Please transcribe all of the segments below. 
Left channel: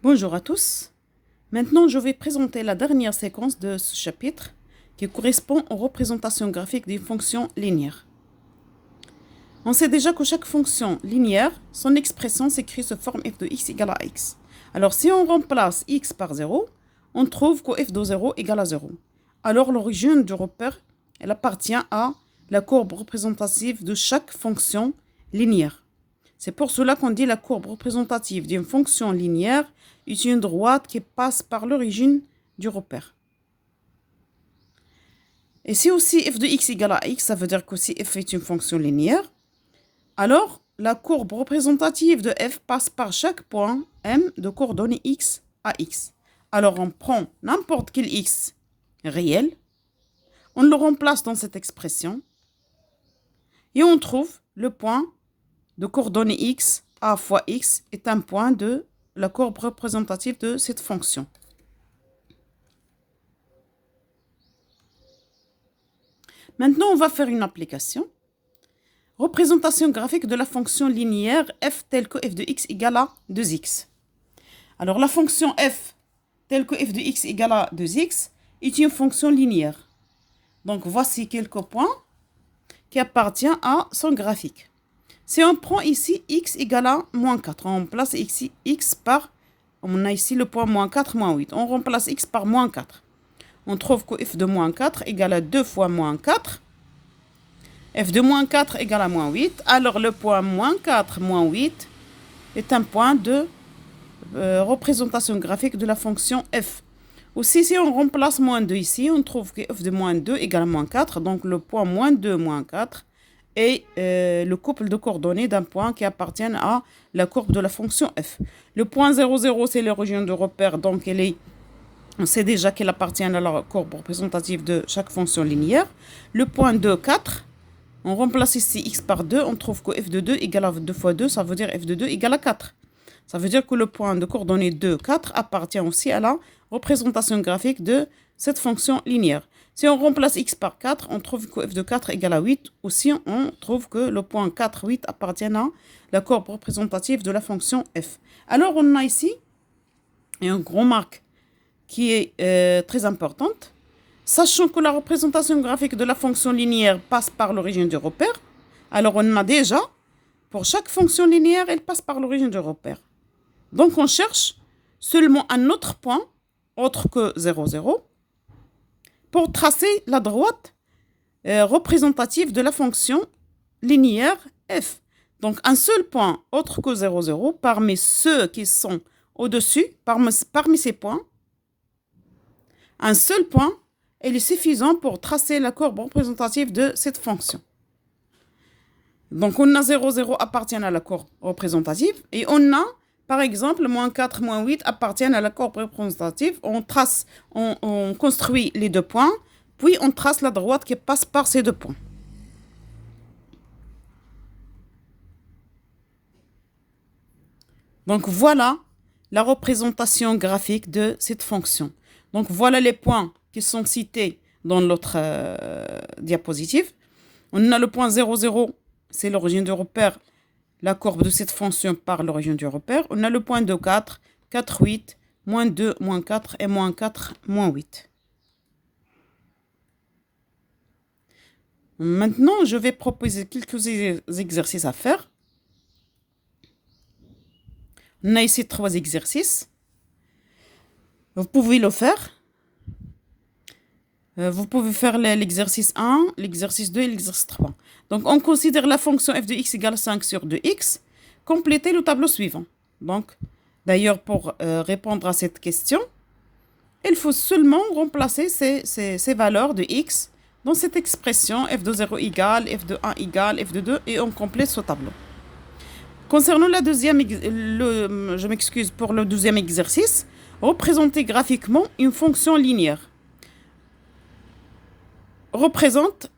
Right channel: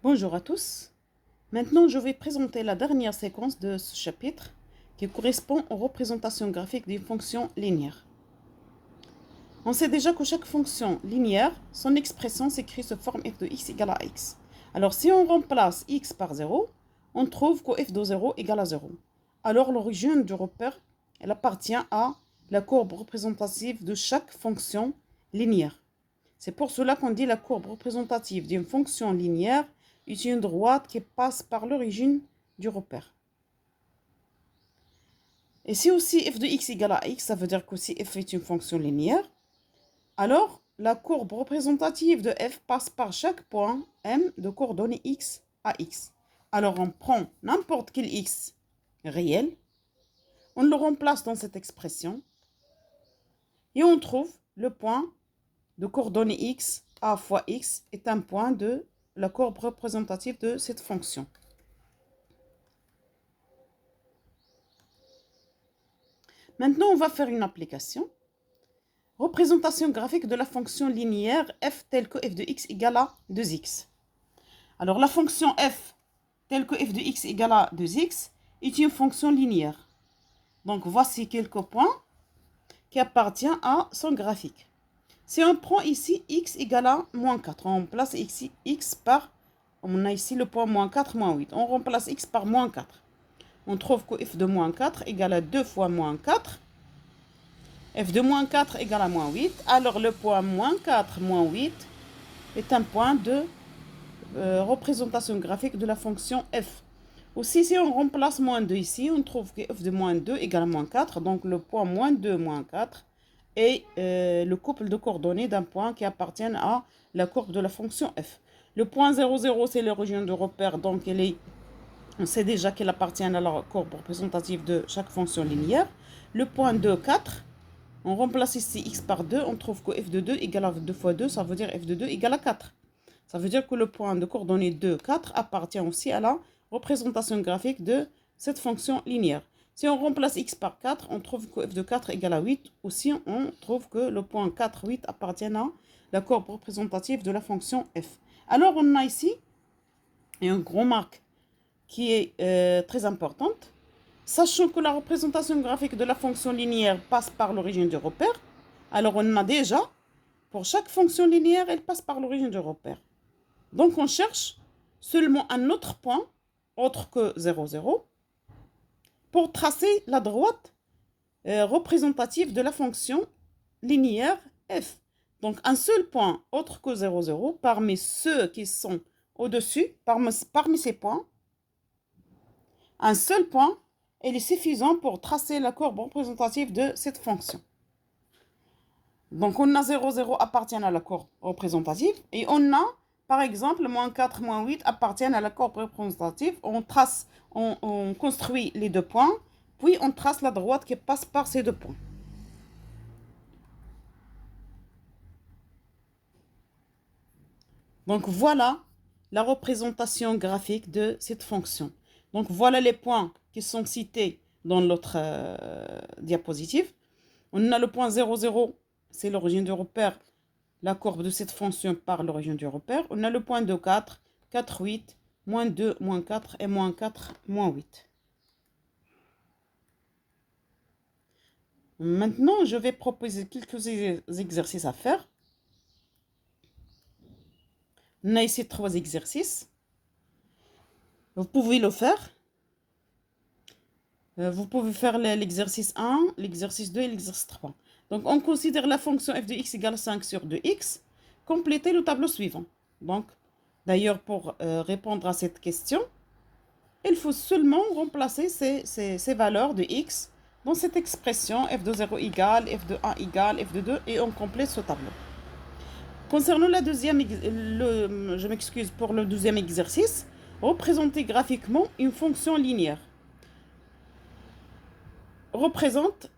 Bonjour à tous. Maintenant, je vais présenter la dernière séquence de ce chapitre qui correspond aux représentations graphiques d'une fonction linéaire. On sait déjà que chaque fonction linéaire, son expression s'écrit sous forme f de x égale à x. Alors, si on remplace x par 0, on trouve que f de 0 égale à 0. Alors, l'origine du repère, elle appartient à la courbe représentative de chaque fonction linéaire. C'est pour cela qu'on dit la courbe représentative d'une fonction linéaire est une droite qui passe par l'origine du repère. Et si aussi f de x égale à x, ça veut dire que si f est une fonction linéaire, alors la courbe représentative de f passe par chaque point m de coordonnées x à x. Alors on prend n'importe quel x réel, on le remplace dans cette expression et on trouve le point de coordonnées x a fois x est un point de la courbe représentative de cette fonction. Maintenant, on va faire une application. Représentation graphique de la fonction linéaire f telle que f de x égale à 2x. Alors, la fonction f telle que f de x égale à 2x est une fonction linéaire. Donc, voici quelques points qui appartiennent à son graphique. Si on prend ici x égale à moins 4, on remplace ici x par, on a ici le point moins 4, moins 8. On remplace x par moins 4. On trouve que f de moins 4 égale à 2 fois moins 4. F de moins 4 égale à moins 8. Alors le point moins 4 moins 8 est un point de représentation graphique de la fonction f. Aussi, si on remplace moins 2 ici, on trouve que f de moins 2 égale à moins 4. Donc le point moins 2 moins 4 est le couple de coordonnées d'un point qui appartient à la courbe de la fonction f. Le point 0, 0, c'est l'origine de repère, donc on sait déjà qu'elle appartient à la courbe représentative de chaque fonction linéaire. Le point 2, 4, on remplace ici x par 2, on trouve que f de 2 égale à 2 fois 2, ça veut dire f de 2 égale à 4. Ça veut dire que le point de coordonnées 2, 4 appartient aussi à la représentation graphique de cette fonction linéaire. Si on remplace x par 4, on trouve que f de 4 égale à 8. Aussi, on trouve que le point 4, 8 appartient à la courbe représentative de la fonction f. Alors, on a ici une remarque qui est très importante. Sachant que la représentation graphique de la fonction linéaire passe par l'origine du repère, alors on a déjà, pour chaque fonction linéaire, elle passe par l'origine du repère. Donc on cherche seulement un autre point, autre que 0, 0, pour tracer la droite représentative de la fonction linéaire f. Donc un seul point, autre que 0, 0, parmi ceux qui sont au-dessus, parmi ces points, un seul point, il est suffisant pour tracer la courbe représentative de cette fonction. Donc, on a 0, 0 appartient à la courbe représentative et on a, par exemple, moins 4, moins 8 appartiennent à la courbe représentative. On construit les deux points, puis on trace la droite qui passe par ces deux points. Donc, voilà la représentation graphique de cette fonction. Donc, voilà les points qui sont cités dans l'autre diapositive. On a le point 0, 0, c'est l'origine du repère, la courbe de cette fonction par l'origine du repère. On a le point 2, 4, 4, 8, moins 2, moins 4 et moins 4, moins 8. Maintenant, je vais proposer quelques exercices à faire. On a ici 3 exercices. Vous pouvez le faire. Vous pouvez faire l'exercice 1, l'exercice 2 et l'exercice 3. Donc, on considère la fonction f de x égale 5 sur 2x. Complétez le tableau suivant. Donc, d'ailleurs, pour répondre à cette question, il faut seulement remplacer ces valeurs de x dans cette expression f de 0 égale, f de 1 égale, f de 2, et on complète ce tableau. Concernant la deuxième, je m'excuse pour le deuxième exercice, représenter graphiquement une fonction linéaire. Représente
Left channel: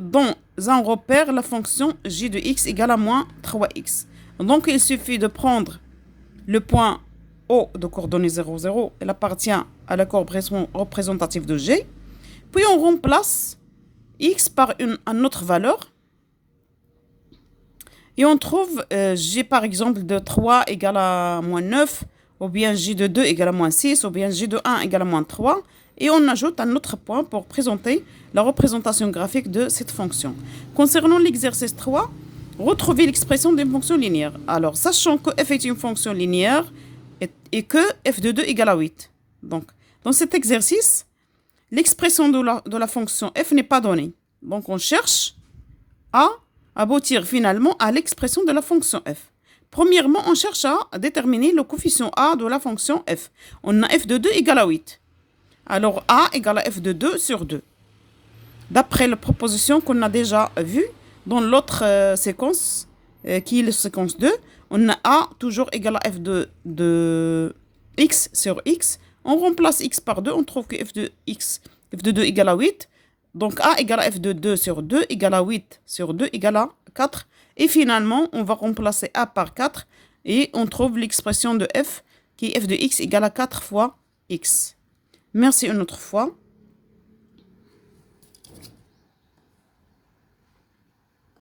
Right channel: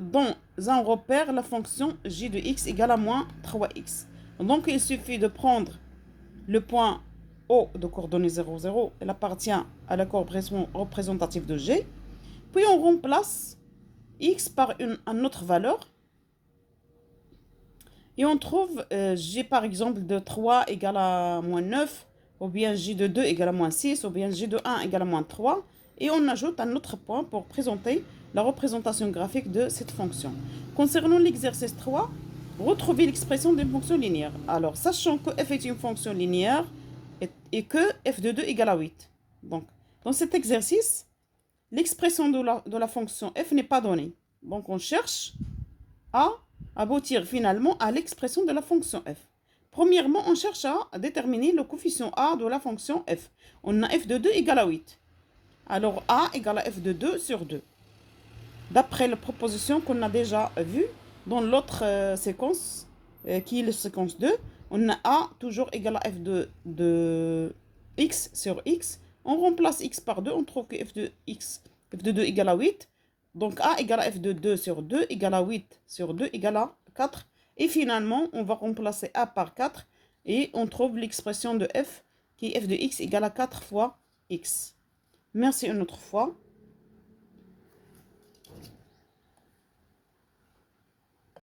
dans un repère la fonction j de x égale à moins 3x. Donc, il suffit de prendre le point O de coordonnées 0, 0. Elle appartient à la courbe représentative de g. Puis, on remplace x par une autre valeur. Et on trouve g, par exemple, de 3 égale à moins 9 ou bien j de 2 égale à moins 6, ou bien j de 1 égale à moins 3. Et on ajoute un autre point pour présenter la représentation graphique de cette fonction. Concernant l'exercice 3, retrouvez l'expression d'une fonction linéaire. Alors, sachant que f est une fonction linéaire et que f de 2 égale à 8. Donc, dans cet exercice, l'expression de la fonction f n'est pas donnée. Donc, on cherche à aboutir finalement à l'expression de la fonction f. Premièrement, on cherche à déterminer le coefficient a de la fonction f. On a f de 2 égale à 8. Alors, a égale à f de 2 sur 2. D'après la proposition qu'on a déjà vue dans l'autre séquence, qui est la séquence 2, on a a toujours égal à f de x sur x. On remplace x par 2, on trouve que f de 2 égale à 8. Donc a égale à f de 2 sur 2 égale à 8 sur 2 égale à 4. Et finalement, on va remplacer a par 4 et on trouve l'expression de f qui est f de x égale à 4 fois x. Merci une autre fois.